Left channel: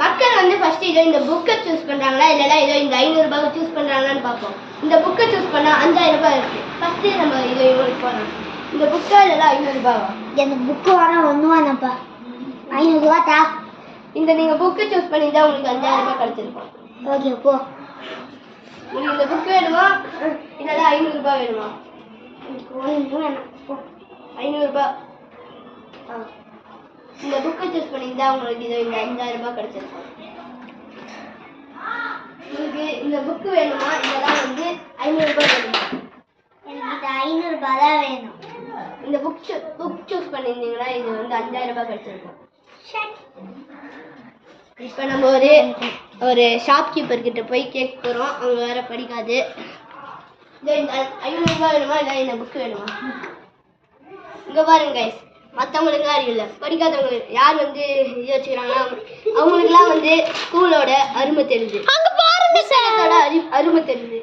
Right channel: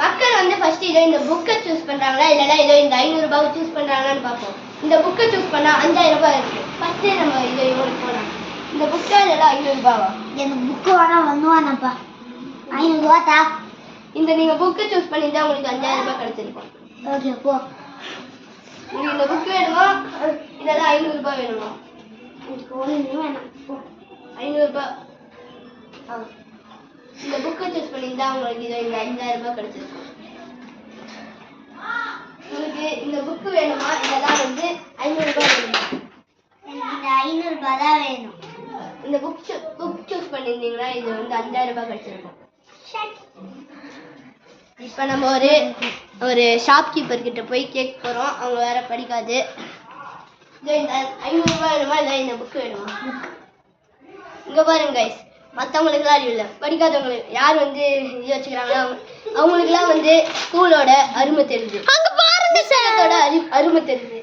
மக்கள் வந்து ஃபர்ஸ்ட் இதோ இந்த புக்கை சூஸ் பண்றாங்களா இல்லைன்னா இதோ இந்த 500 ரூபாய் சூஸ் பண்றாங்களான்னு பார்ப்போம். இந்த புக்கை சூஸ் பண்ணா 5000 ரூபாய் இருக்கு. ஃபர்ஸ்ட் நம்ம இதோ இவங்களுக்கு போனோம். இந்த புக்கா இல்லைன்னா 500 ரூபாவா? எனக்கு புக்கு வேணாம், ஒன்று வேணாப்பா. 500 ரூபா தா. இந்த நீங்க புக்கை சூஸ் பண்ணிட்டா உங்களுக்கு 5000 ரூபாய் கிடைச்சிருக்கும். ஓகே போ. உங்களுக்கு இந்த புக் வேணுமா இல்லைன்னா 500 ரூபாய் வேணுமா? எனக்கு ஒன்றும் வேணாம் போ. 500 ரூபாய். இந்த புக்கை சூஸ் பண்ணியிருந்தா உங்களுக்கு இதோ இந்த 5000 ரூபாய் கிடைச்சிருக்கும். உங்களுக்கு இந்த புக்கு வேணுமா இல்லைன்னா வந்து 500 ரூபாய் வேணுமா? எனக்கு இந்த 500 ரூபாய் தான் வேணும். இந்த புக் சூஸ் பண்ணியிருந்தீங்கன்னா இது வந்து 5000 ரூபாய் கிடைச்சிருக்கும். இப்போ நம்ம ஒரு ஷாப்கீப்பர் கிட்ட போய் கேட்க போகிறோம். அவங்க வேற படிக்காது. இந்த 500 ரூபாய் வேணுமா இல்லை இந்த புக்கு வேணுமா? இங்கே பாருங்க கைஸ், மற்றவங்களுக்குலாம் அறிவு இல்லை. படிக்காதவங்களுக்கு யார் வந்து இது வச்சுக்கிறாங்கன்னா அவங்களுக்குலாம் வந்து ஸ்கூலோட அருமை தெரியுது, புத்தகத்தோட அருமை தெரியுது.